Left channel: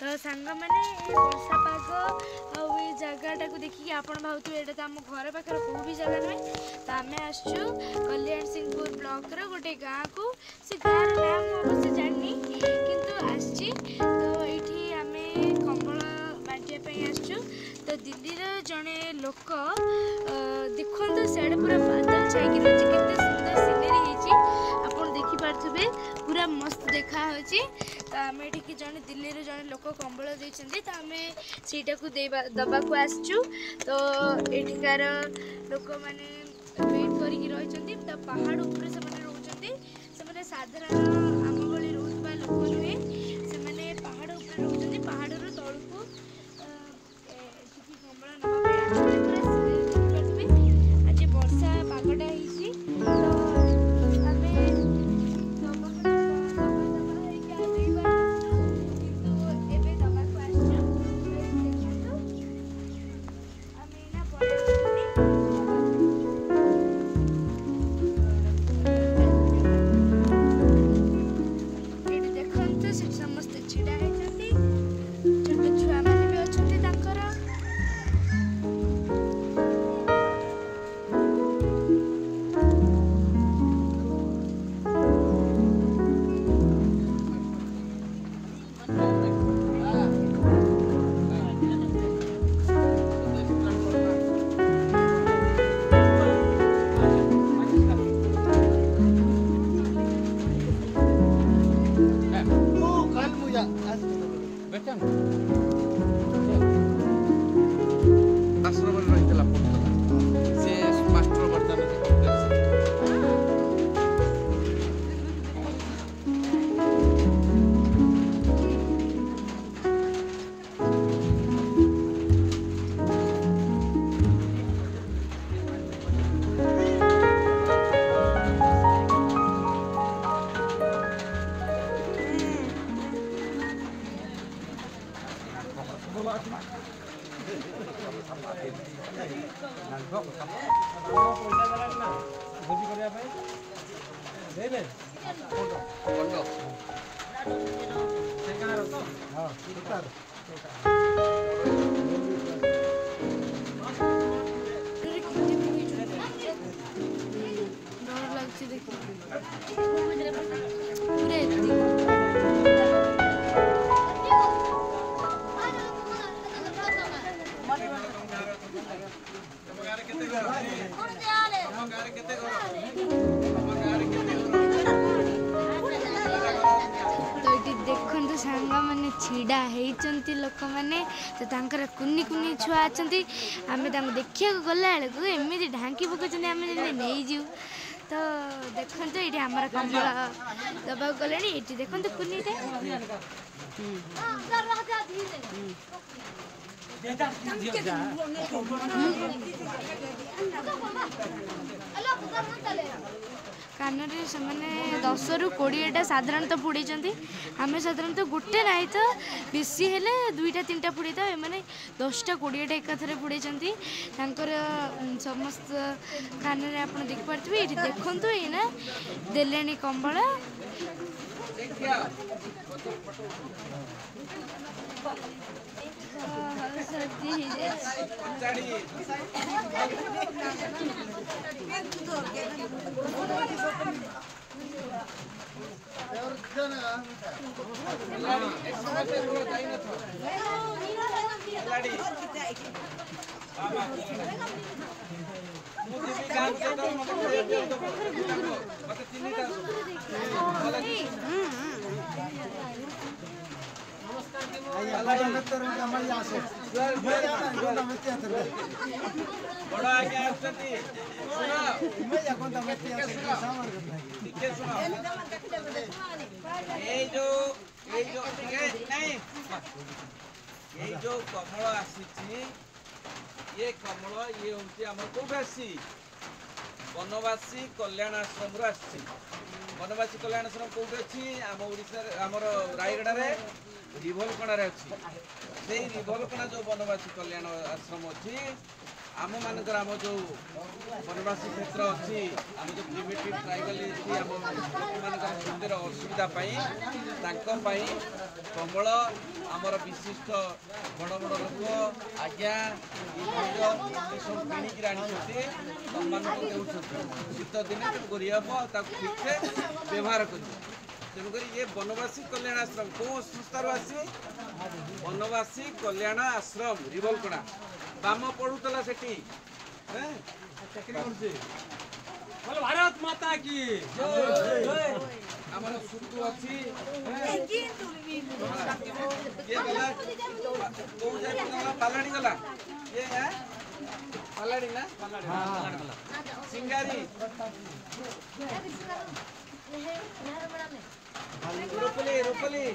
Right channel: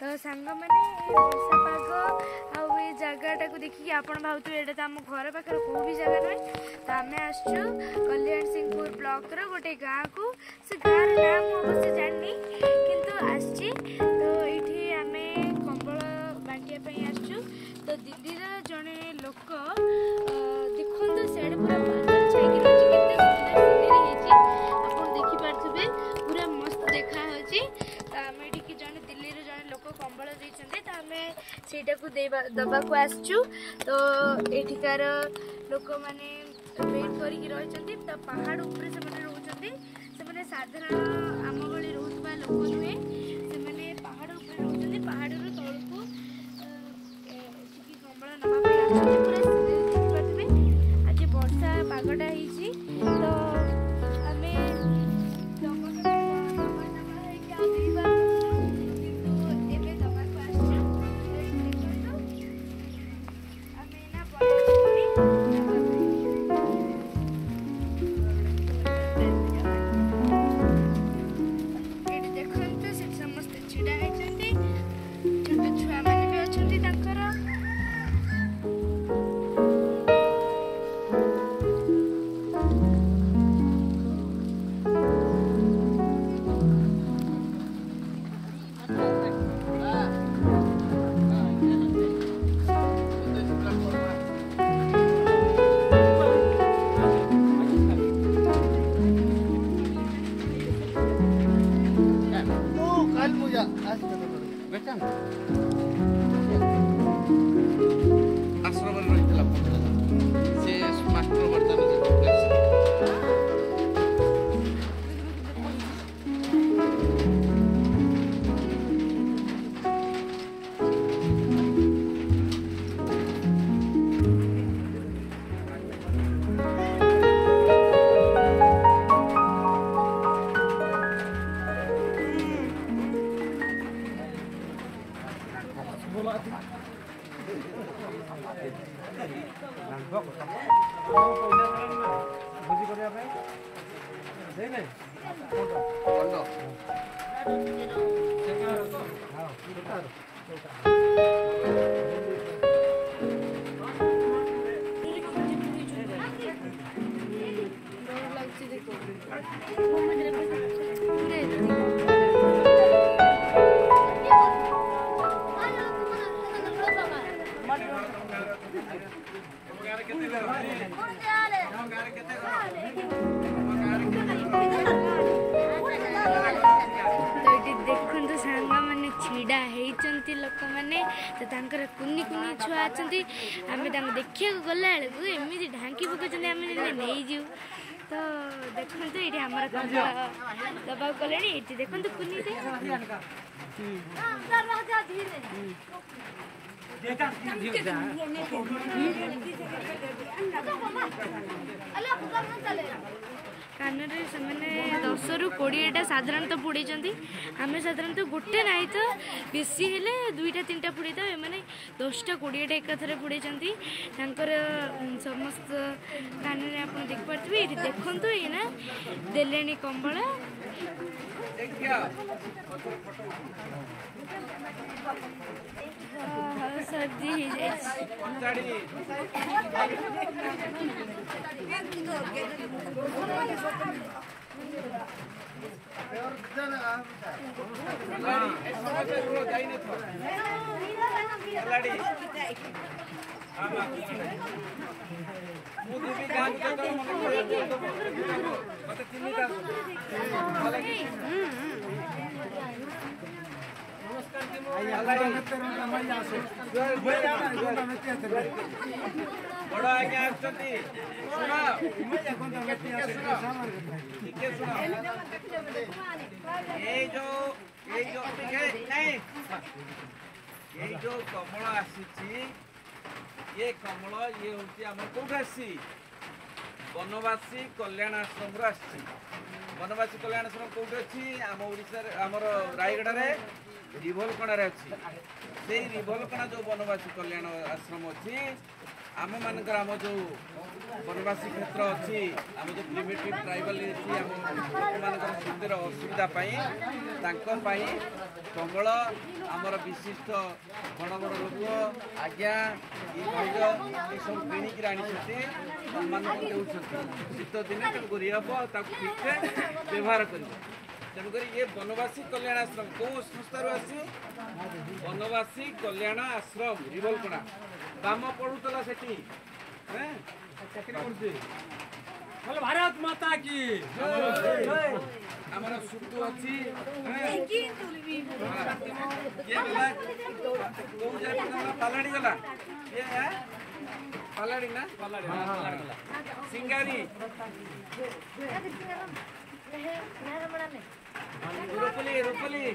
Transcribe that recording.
तो सांग मैंने वर्षा पाग आ जगटा को देखिए आप भावुवे ये तो आम घर पाखे कौ भी जगह नुहे तो आम आसु कल्याण सिंहपुर ब्लॉक गोटे गाँ को से गाँव ना मुझे जानी किंतु आसची तो ये आम कंबल बांटापी आसु तो दिल्ली जड़े लोक देखो सियाड़े पूरा बादल छाई रही है सुंदर सिनेरी आप देखिपे पूरा मस्त देखा तो आम ये जड़े दिल्ली जड़े लोक कंबल देते तो आम से दबा को आसचु तो एठिकार लोक मैंने वेट कर पहाड़ उपरे से रोचते से साधारण आम भली रोकवा लोक नुहे से पहाड़ उपरे रोचते पहाड़ तौक कंबल ना आज वर्षा पागटा तो देखु सांग मैंने छिड़ा होती लोक मैंने तो तर कुनी कुनी छुआ अच्छा आम देखा गला बेलू एमती ढांकी पकाउं आम नहीं जीव तो देखो ये आम कंबल दबा गला ये देखो कुनी कान से 10 ରୁ 20टा साधारणतः पुड़ी आम साधारणतः गोटे ना तो बेसी हेले 2टा 3टा पुड़ी था एम 10टा 20टा एकाथरे पुड़ी समस्त कान में आप देखिपे ये देखु ये ना देले कंबल सर्दी बड़ा आज्ञा ये जो कमल आसी ये कमल ये हूँ कौट आसी वनवासी कल्याण आश्रम आसी वनवासी कल्याण आश्रम कौट अच्छी आम ओडिशा आमर रायगड़ा रिभलकणा अच्छी से रिभलकणा जो वनवासी कल्याण आश्रम अच्छी आम मानकर आम जो वनवासी क्षेत्र अच्छी आम जो प्रिमिटिव ट्राइबल लोक सुंदर असुविधा कमल आमर विशिष्ट बड़ बड़ लोक आज्ञा ये सब किणिक आनी सम्मान शीत दिने करी हम ठीक ठाक व्यवहार कर तेणुक ये वनवासी कल्याण आश्रम कौ संस्था आसी वनवासी कल्याण आश्रम रिवलपड़ा बाम पढ़ुला से भारत माता की आमर सुतु अच्छी ये गला कौ जाए पालाड़ी गला ये पालाड़ी ना सिंगारी रूपली रूपली